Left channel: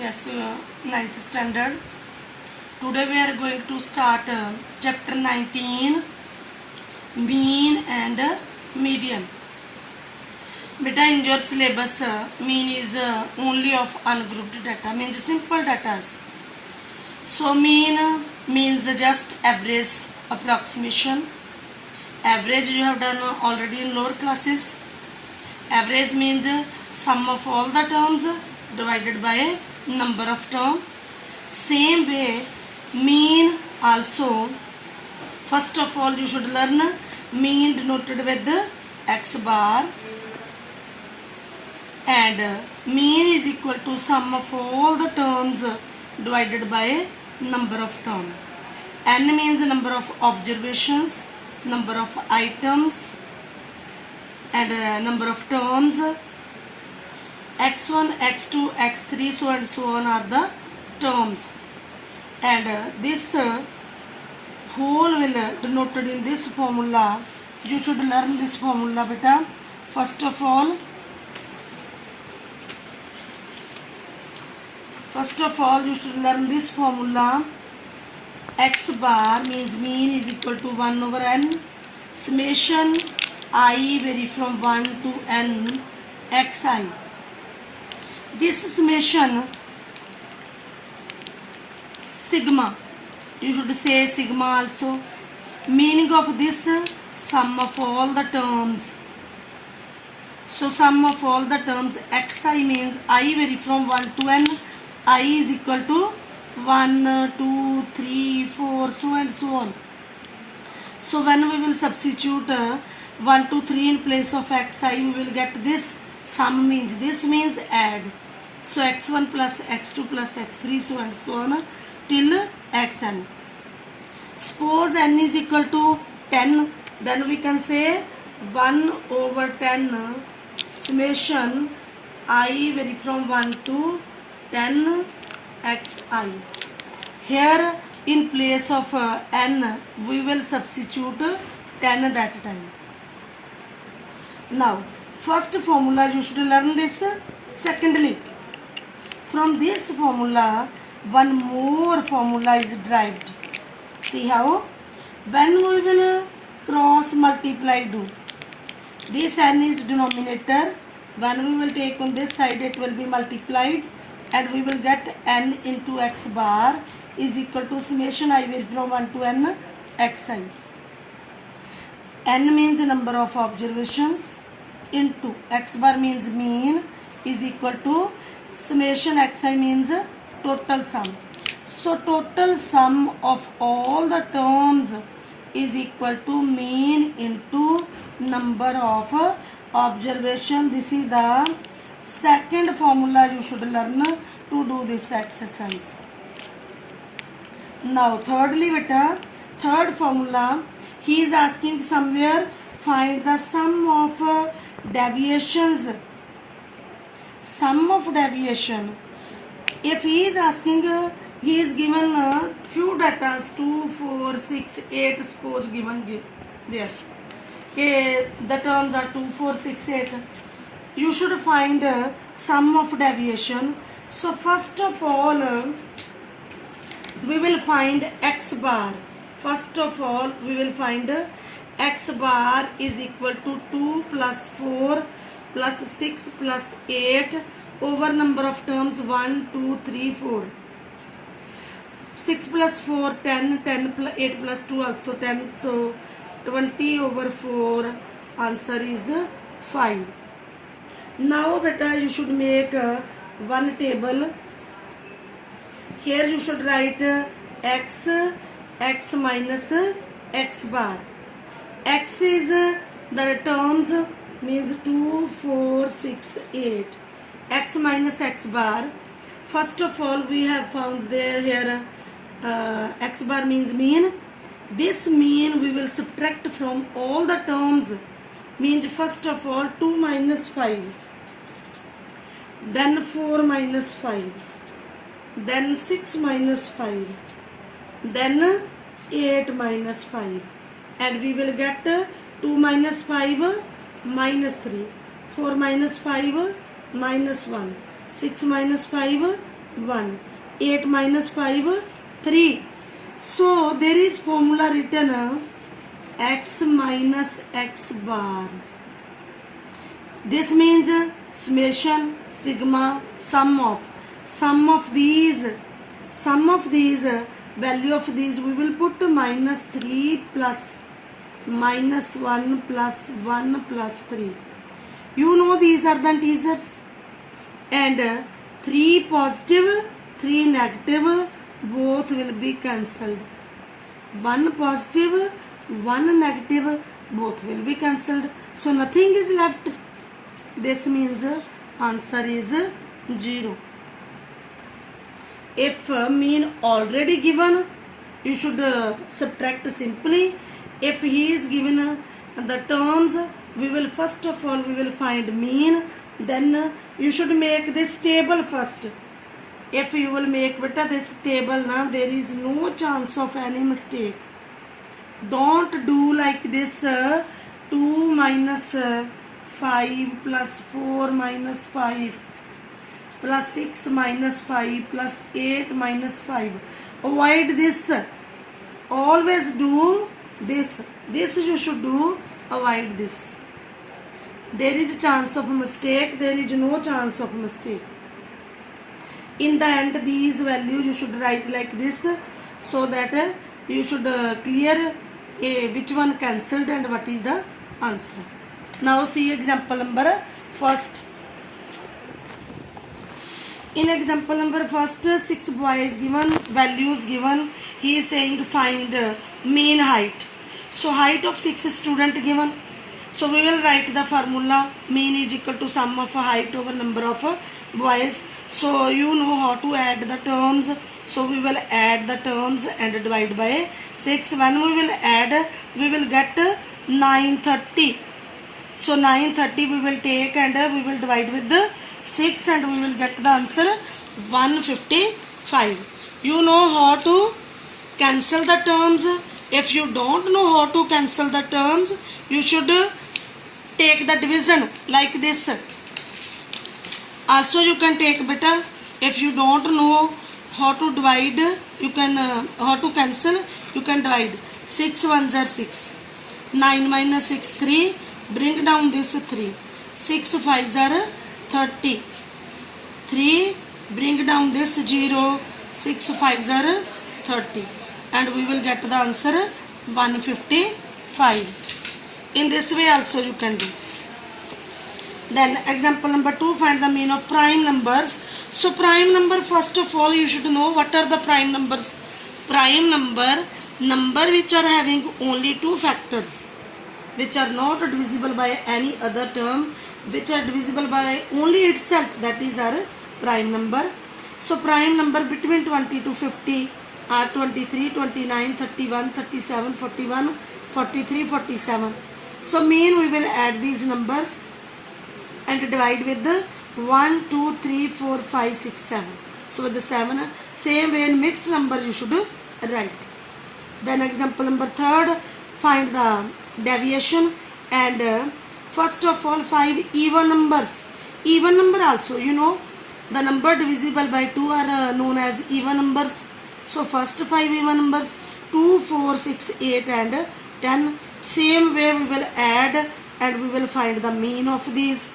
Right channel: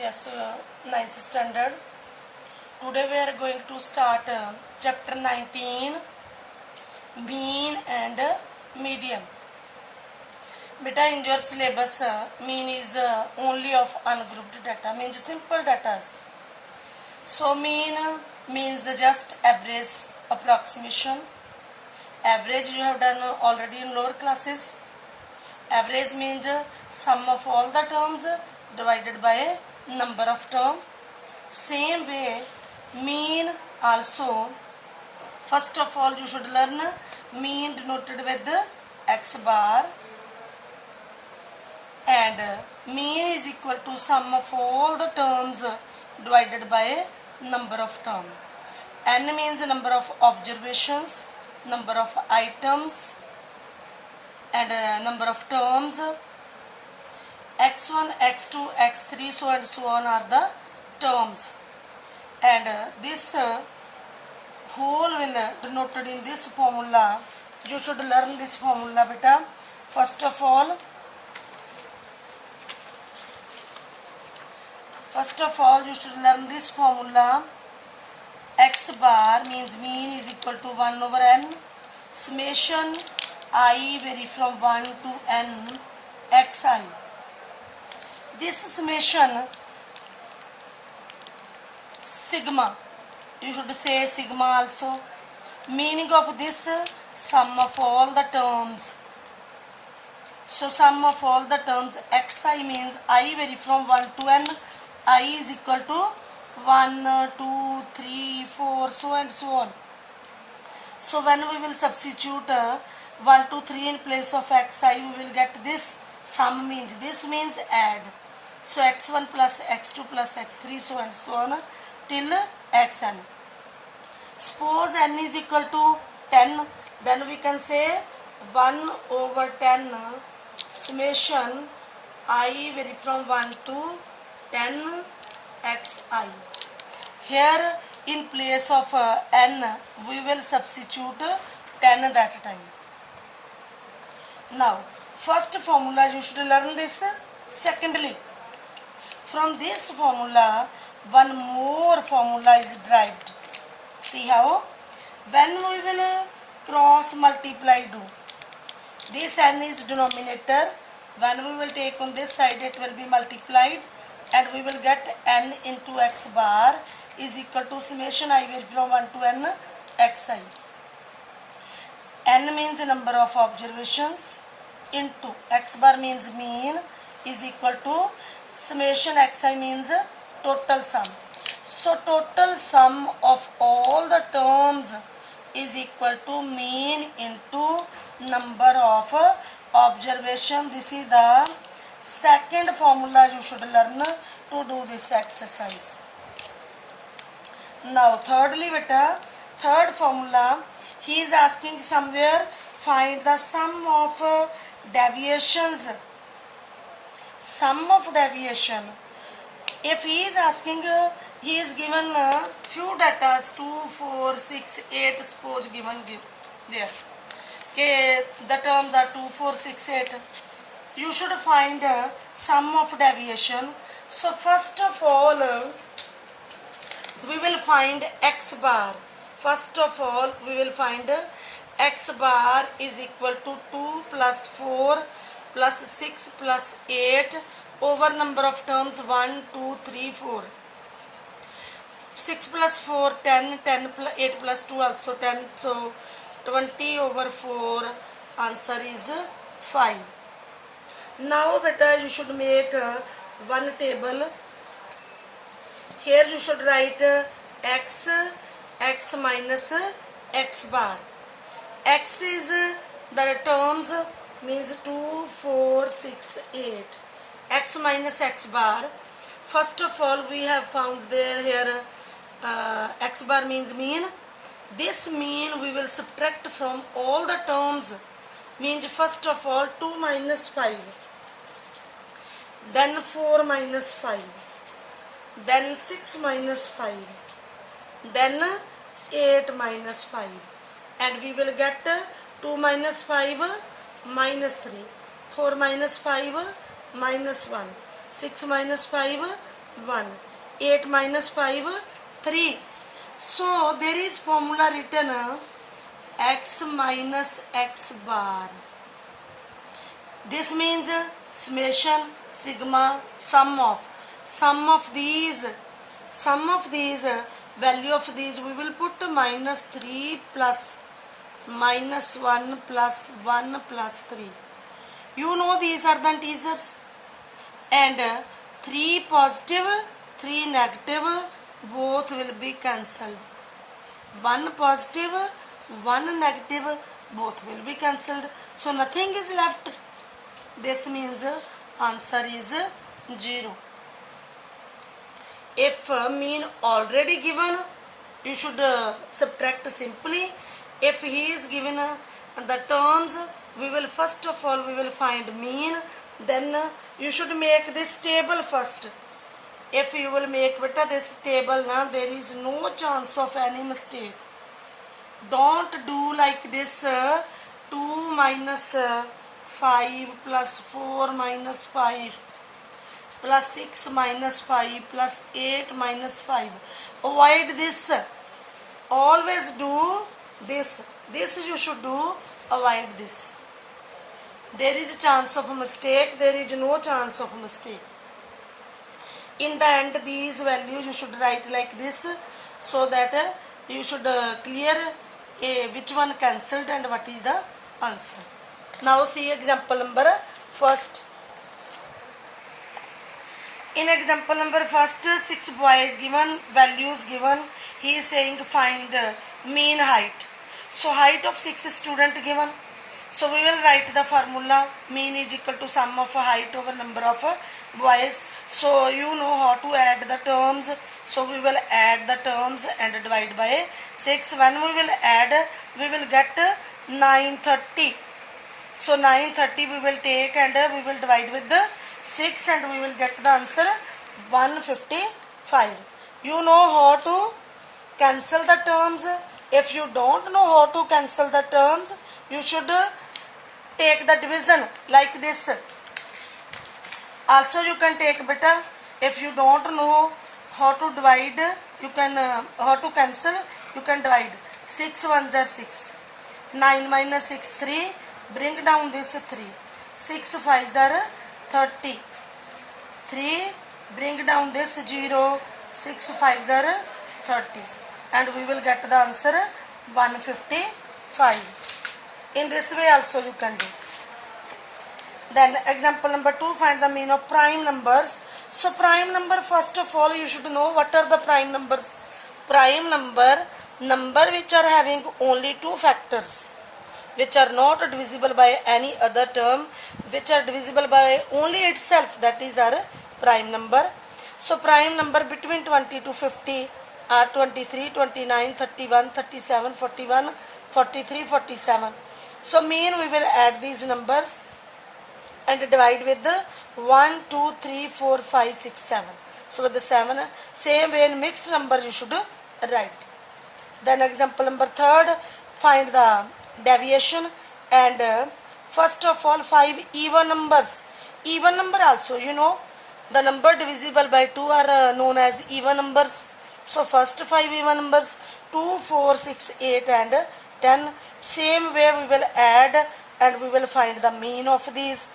Yes, ninth standard. Today we are going to start chapter 19, mean and median. Beta, in your syllabus, mean is only of ungrouped data, means simple data. So mean means just average approximation. Average you have done already in lower classes. Average means sum of all the terms divided by number of terms. Same way, mean also, first of all you should learn mean denoted with x bar, and mean is equal to sum of all the terms divided by number of terms. N means number of observations, number of items, and number of terms. x1, x2, x3, so and so on are the terms, and this whole will denoted in this formula. You should learn this formula, beta. First of all you should learn this formula. X bar means mean is equal to 1 over n summation I vary from 1 to n xi. This summation sigma, you should say sigma also. Meaning of this, sum of all the terms. So sum of all the terms xi means I vary from 1 to n. I is equal to 1, 2, 3, 4, so and so on. So when we will substitute 1, 2, 3 in place of xi, we will get this sum means, this means add. So x1 plus x2 plus x3, so and so on till xn. Suppose n is equal to 10, then we can say 1 over 10 summation I vary from 1 to 10 xi. Here in place of n we will substitute 10 that time. Now first formula you should learn this. Secondly, from this formula one more formula is derived. See how? When we will cross multiply do, this n is denominator. When we will take on this side, it will be multiplied, and we will get n into x bar is equal to summation I vary from 1 to n xi. N means number of observations into x bar means mean is equal to summation xi means total sum. So total sum of all the terms is equal to mean into number of observation. This is the second formula you should learn to do this exercise. Now thirdly, beta, third formula, he is asking somewhere find the sum of deviations. Sum of deviation. If he is asking, he is given few data 2, 4, 6, 8, suppose given there. Okay, the terms are 2, 4, 6, 8. You should find sum of deviation. So first of all, we will find x bar. First of all, we will find x bar is equal to 2 plus 4 plus 6 plus 8 over number of terms 1, 2, 3, 4. 6 plus 4, 10, 10 plus 8 plus 2 also 10. So 20 over 4, answer is 5. Now beta, you should make one table. Here you should write x minus x bar. X is the terms means 2, 4, 6, 8. X minus x bar. First of all, we have found there here x bar means mean. This mean we will subtract from all the terms. Means first of all 2 minus 5, then 4 minus 5, then 6 minus 5, then 8 minus 5, and we will get 2 minus 5 minus 3, 4 minus 5 minus 1, 6 minus 5 1. 8 minus 5, 3. So there is formula written x minus x bar. This means summation, sigma, sum of these value of these we will put minus 3 plus minus 1 plus 1 plus 3. You know these are the integers, and 3 positive, 3 negative, both will be cancelled. 1 positive, 1 negative, both will be cancelled. So nothing is left. This means answer is 0. If mean already given, you should subtract simply. If he is given the terms, we will first of all we will find mean. Then you should make this table first. If you will make this table, there is no chance of any mistake. Don't do like this 2 minus 5 plus 4 minus 5 plus 6 minus 5 plus 8 minus 5. Avoid this. Always do this. This you should do. Avoid this. There is a chance of a mistake. There is no chance of a mistake. In the end, these values you should write like this, so that you should clear which one cancelled and what is the answer. Now see example number first. In example number first, 6 boys given, values given. He is saying find mean height. So height of 6 student given. So we will write the formula. Mean is equal to sum of height over number of boys. So you know how to add the terms. So we will add the terms and divide by 6. When we will add, we will get 930. So 930 we will take and we will divide with the 6 and we will get the answer 155. You know how to cancel the terms. If you don't know how to cancel the terms, you should take the division like this. Also you can take better. If you don't know how to divide, you can how to cancel, you can divide. 6 ones are 6. 9 minus 6, 3. Bring down this 3. 6 5s are 30. 3. Bring down this 0. 6 5s are 30. And we will get the answer 155. In this way also you can do. Then example number 2, find the mean of prime numbers. So prime number, first of all you should know what are the prime numbers. Prime number which are having only 2 factors, which are not divisible by any other term, which are divisible by only itself, that is our prime number. So prime number between 20 to 50 are 23, 29, 31, 37, 41, 43, 47. So mean we will add these numbers and divide with the 1, 2, 3, 4, 5, 6, 7. So with the 7, same way in mixed number you should write. Then example number 3, find the deviation, and first of all 5 even numbers. Even number also, you know, the number divisible by 2 are known as even numbers. So first 5 even numbers, 2, 4, 6, 8 and 10. Same way we will add and we will find the mean of these.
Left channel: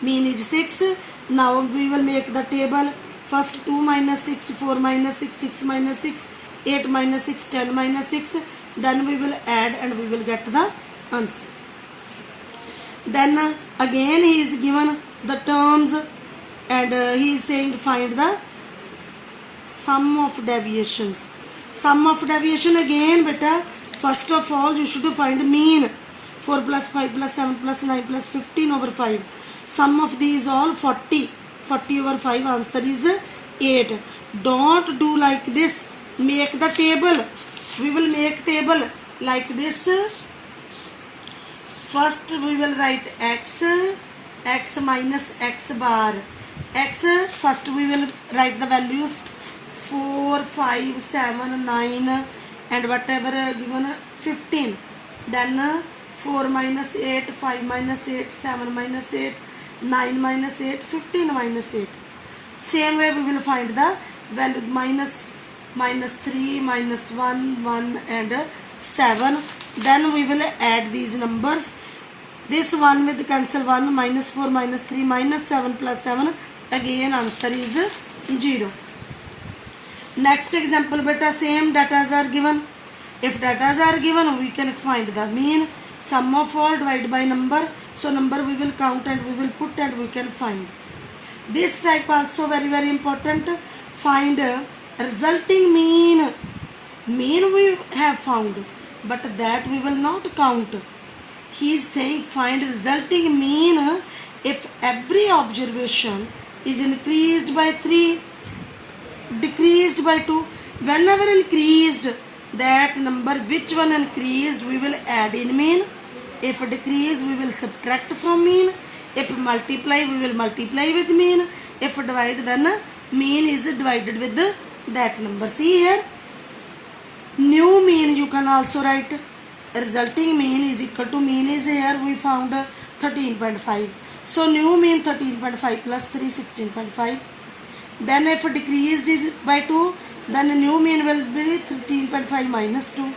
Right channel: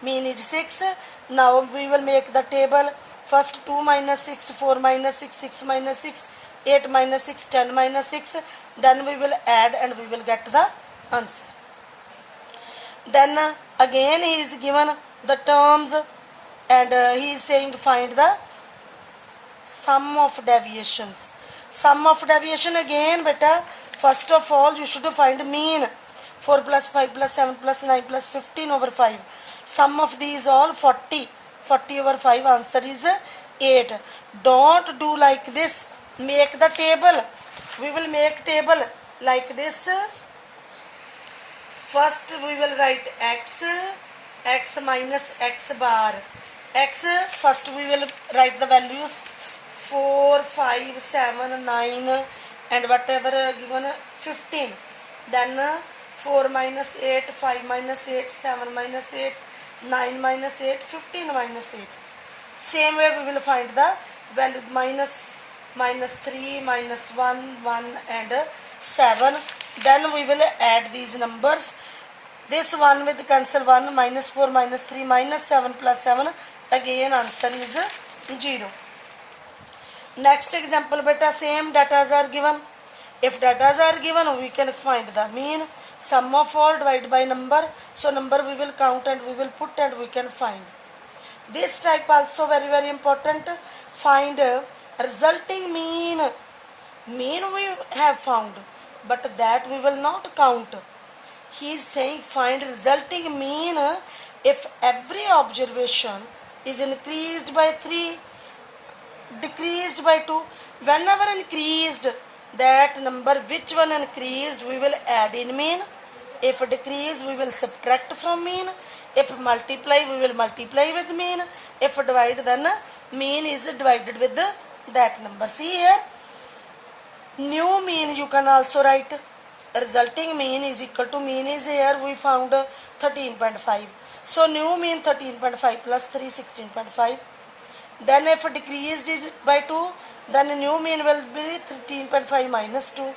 Mean is 6. Now we will make the table. First 2 minus 6, 4 minus 6, 6 minus 6, 8 minus 6, 10 minus 6. Then we will add and we will get the answer. Then again he is given the terms and he is saying find the sum of deviations. Sum of deviation again beta. First of all you should find mean. 4 plus 5 plus 7 plus 9 plus 15 over 5. Sum of these all 40. 40 over 5, answer is 8. Don't do like this. Make the table. We will make table like this. First we will write x minus x bar. X, first we will write the values 4, 5, 7, 9 and whatever given 15. Then 4 minus 8, 5 minus 8, 7 minus 8, 9 minus 8, 15 minus 8. Same way we will find the value minus 3, minus 1, 1 and 7. Then we will add these numbers. This one with cancel 1, minus 4, minus 3, minus 7 plus 7. Again answer is 0. Next example, beta, same datas are given. If datas are given, we can find the mean. Sum of all divided by number. So number we will count and we will put and we can find. This type also very important. Find resulting mean. Mean we have found, but that we will not count. He is saying find resulting mean if every observation is increased by 3, decreased by 2. Whenever increased, that number which one increased we will add in mean. If decrease we will subtract from mean. If multiply we will multiply with mean. If divide then mean is divided with that number. See here, new mean you can also write. Resulting mean is equal to mean is here we found 13.5. So new mean 13.5 plus 3 16.5. Then if decreased by 2, then new mean will be 13.5 minus 2.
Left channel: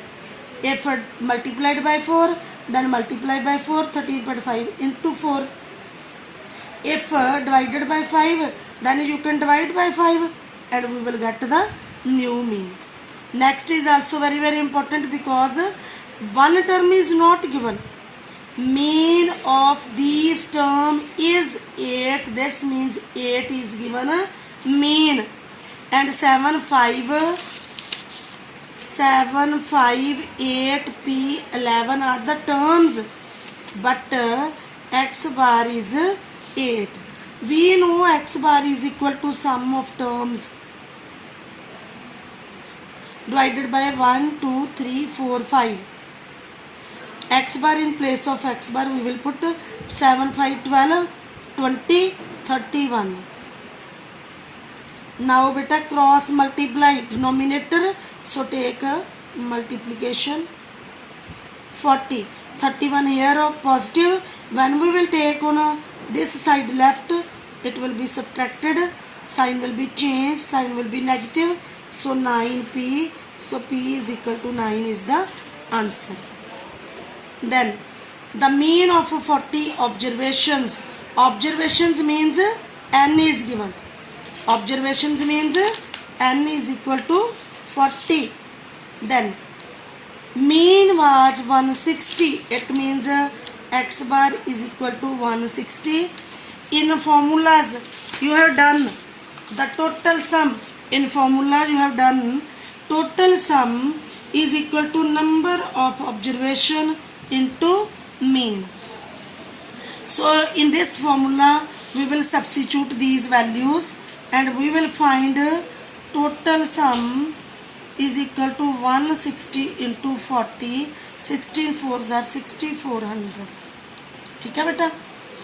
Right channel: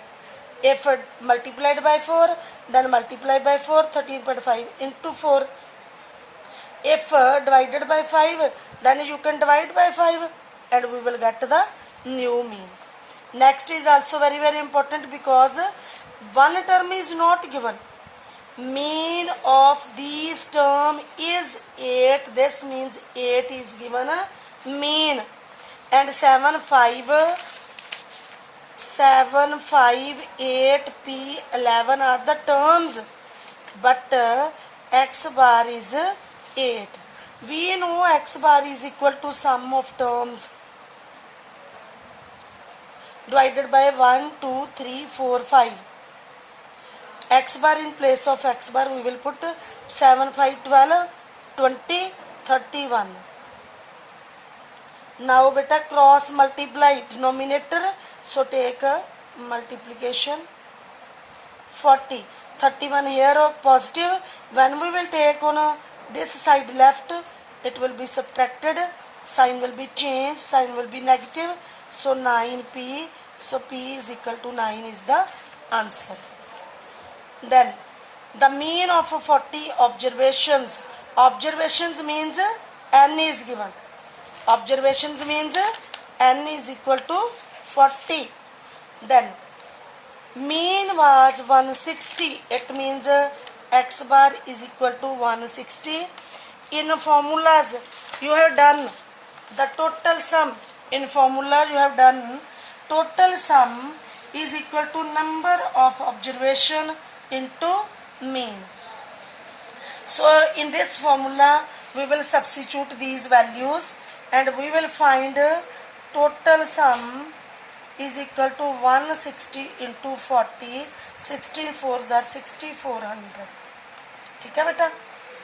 If multiplied by 4, then multiply by 4, 13.5 into 4. If divided by 5, then you can divide by 5 and we will get the new mean. Next is also very important because one term is not given. Mean of these term is 8. This means 8 is given mean. And 7, 5, 8, P, 11 are the terms. But x bar is 8. We know x bar is equal to sum of terms divided by 1, 2, 3, 4, 5. X bar in place of x bar we will put 7, 5, 12, 20, 31. Now beta cross multiply denominator. So take a multiplication 40. 31 here positive. When we will take on this side left, it will be subtracted. Sign will be changed. Sign will be negative. So 9p. So p is equal to 9 is the answer. Then the mean of 40 observations. Observations means n is given. Observations means n is equal to 40. Then mean was 160. It means x bar is equal to 160. In formulas you have done the total sum. In formula you have done total sum is equal to number of observation into mean. So in this formula we will substitute these values and we will find total sum is equal to 160 into 40. 16 4s are 6400. Okay, beta?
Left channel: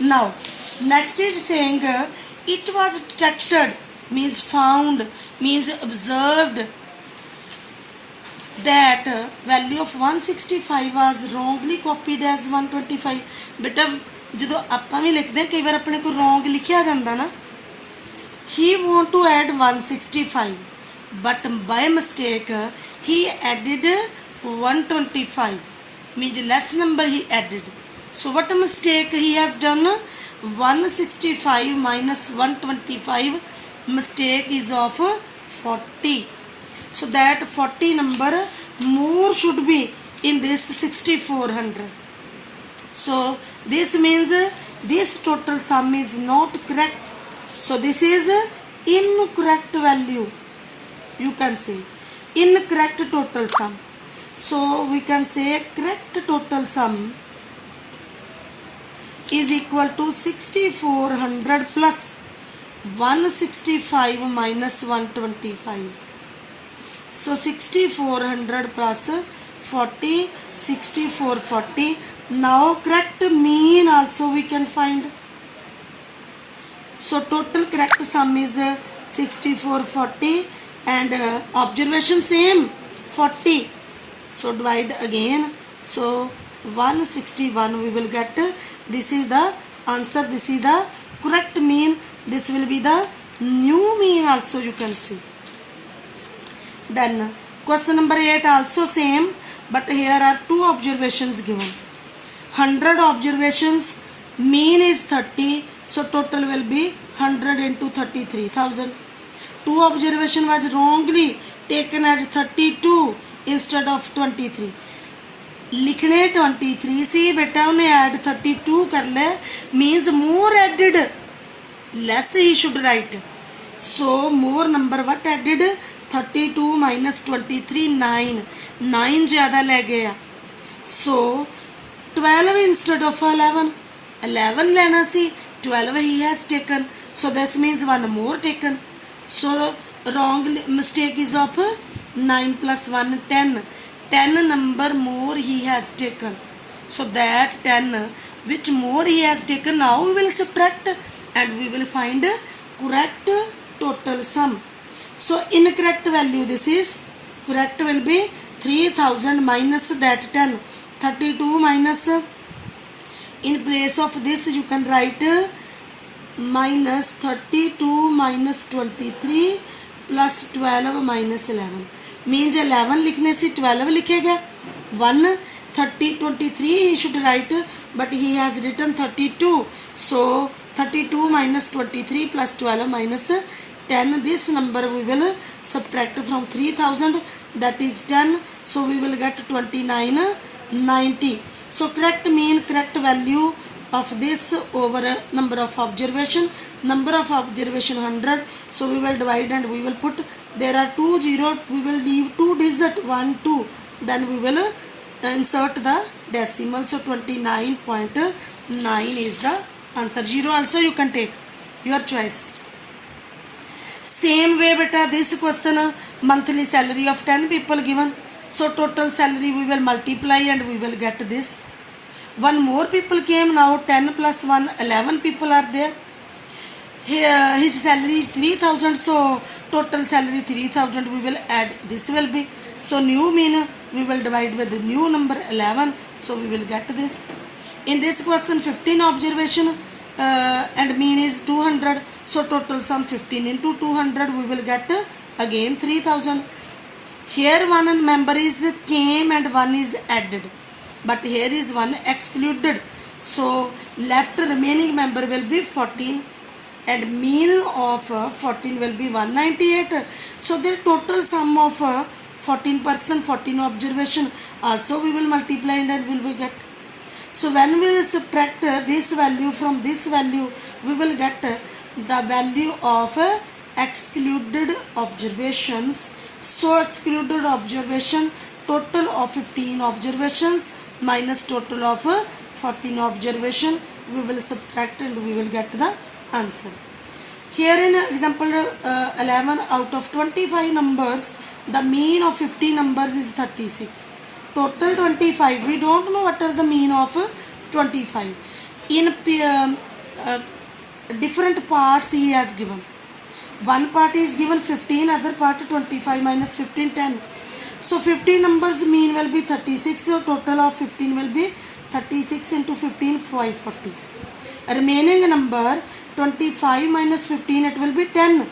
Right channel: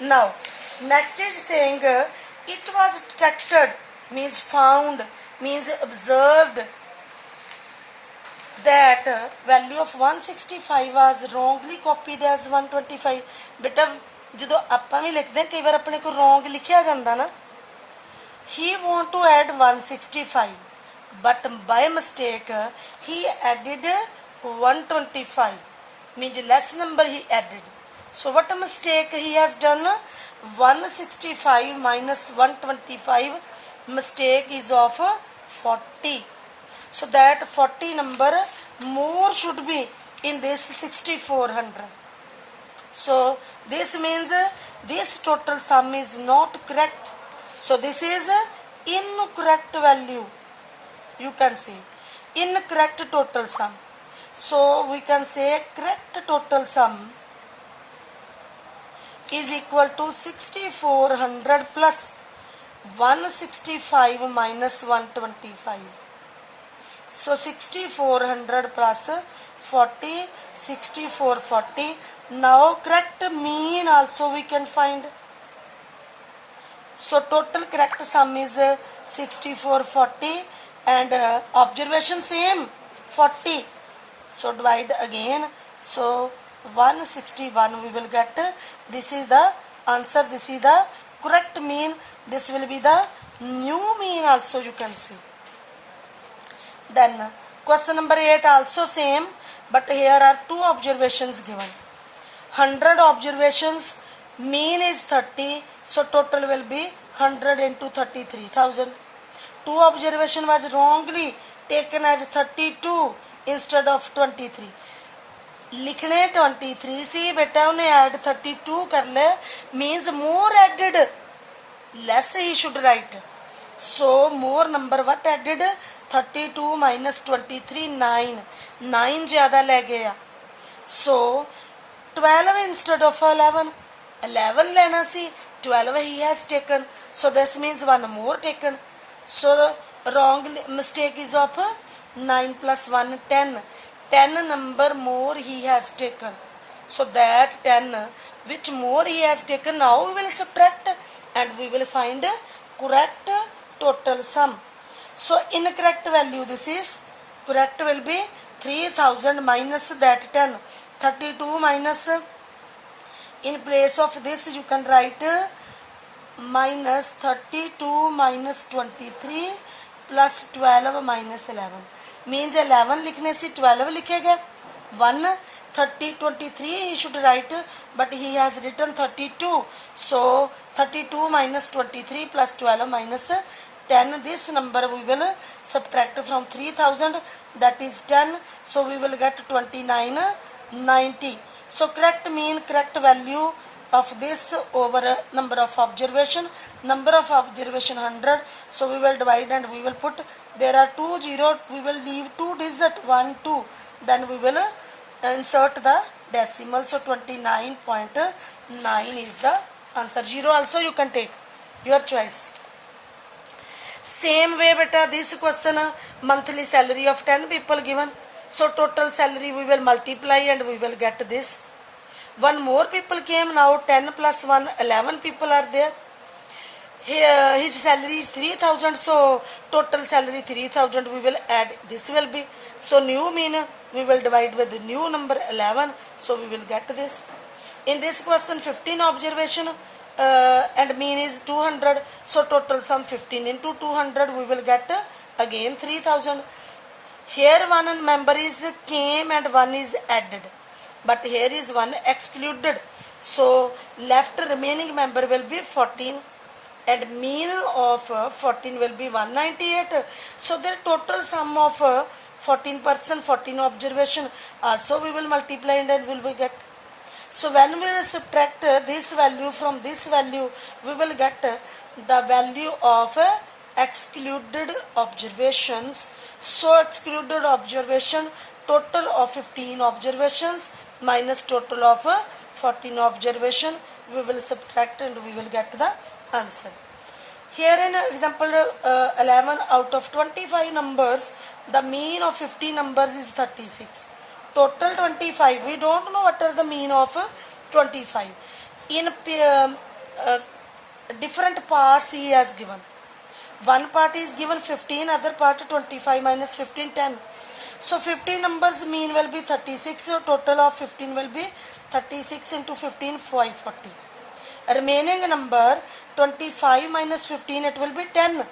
Now next is saying it was detected means found means observed that value of 165 was wrongly copied as 125. बेटा ਜਦੋਂ ਆਪਾਂ ਵੀ ਲਿਖਦੇ ਕਈ ਵਾਰ ਆਪਣੇ ਕੋਲ wrong ਲਿਖਿਆ ਜਾਂਦਾ ਨਾ. He want to add 165 but by mistake he added 125 means less number he added. So what mistake he has done? 165 minus 125 mistake is of 40. So that 40 number more should be in this 6400. So this means this total sum is not correct. So this is incorrect value. You can say incorrect total sum. So we can say correct total sum is equal to 6400 plus 165 minus 125. So 6400 plus 40, 6440. Now correct mean also we can find. So total correct sum is 6440 and observation same 40. So divide again. So 161 we will get. This is the answer. This is the correct mean. This will be the new mean also you can see. Then question number 8 also same, but here are two observations given. 100 observations, mean is 30, so total will be 100 into 33,000. Two observation was wrongly taken as 32 instead of 23. लिखने 23 सी बेटा उन्हें add 32 कर ले, means more added, less he should write. So more number what added? 32 minus 23 9. 9 ज़्यादा ले गया. So 12 instead of 11. 11 लेना सी, 12 he has taken. So this means one more taken. So wrong mistake is of 9 plus 1 10. 10 number more he has taken. So that 10 which more he has taken, now we will subtract and we will find correct total sum. So incorrect value this is, correct will be 3000 minus that 10. 32 minus, in place of this you can write minus 32 minus 23 plus 12 minus 11. Means 11 लिखने से 12 लिखेगा. 1 30 23 he should write, but he has written 32. So 32 minus 23 plus 12 minus 10. This number we will subtract from 3000, that is 10. So we will get 2990. So correct mean, correct value of this over number of observation. Number of observation 100. So we will divide and we will put, there are 2 0, we will leave 2 digit 1 2. Then we will insert the decimal. So 29.9 is the answer. 0 also you can take, your choice. Same way beta, this question, monthly salary of 10 people given. So total salary we will multiply and we will get this. One more people came, now 10 plus 1, 11 people are there. Here, his salary is 3000, so total salary 3000 we will add, this will be. So new mean we will divide with the new number 11, so we will get this. In this question 15 observation and mean is 200, so total sum 15 into 200 we will get again 3000. Here one member is came and one is added, but here is one excluded, so left remaining member will be 14 and mean of 14 will be 198. So the total sum of 14% 14 observation also we will multiply and then will we get. So when we will subtract this value from this value, we will get the value of excluded observations. So excluded observation, total of 15 observations minus total of 14 observation, we will subtract and we will get the answer. Here in example 11, out of 25 numbers, the mean of 50 numbers is 36. Total 25, we don't know what are the mean of 25. In different parts he has given. One part is given 15, other part 25 minus 15, 10. So 15 numbers mean will be 36, so total of 15 will be 36 into 15, 540. Remaining number 25 minus 15, it will be 10.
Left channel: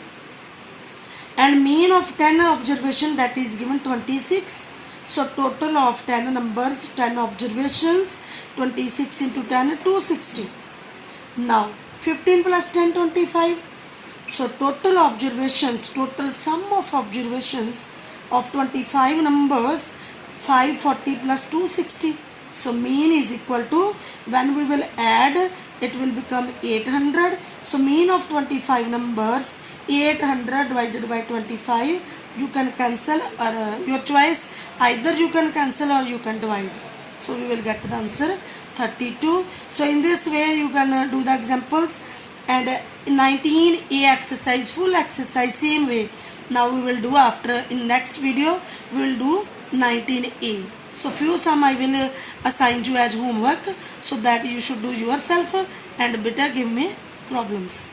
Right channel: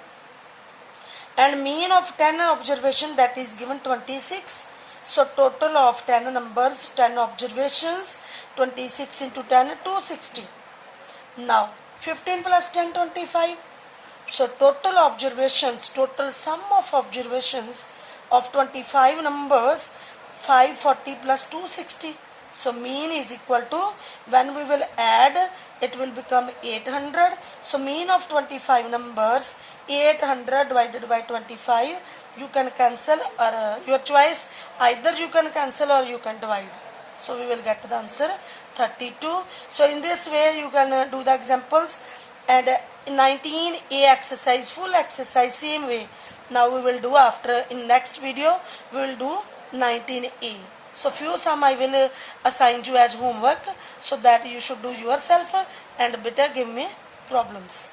And mean of 10 observation, that is given 26. So total of 10 numbers, 10 observations, 26 into 10, 260. Now 15 plus 10, 25. So total observations, total sum of observations of 25 numbers, 540 plus 260. So mean is equal to, when we will add, it will become 800. So mean of 25 numbers, 800 divided by 25. You can cancel, or your choice, either you can cancel or you can divide. So we will get the answer 32. So in this way you can do the examples. And 19A exercise, full exercise, same way. Now we will do after, in next video, we will do 19A. So few sum I will assign you as homework, so that you should do yourself and better give me problems.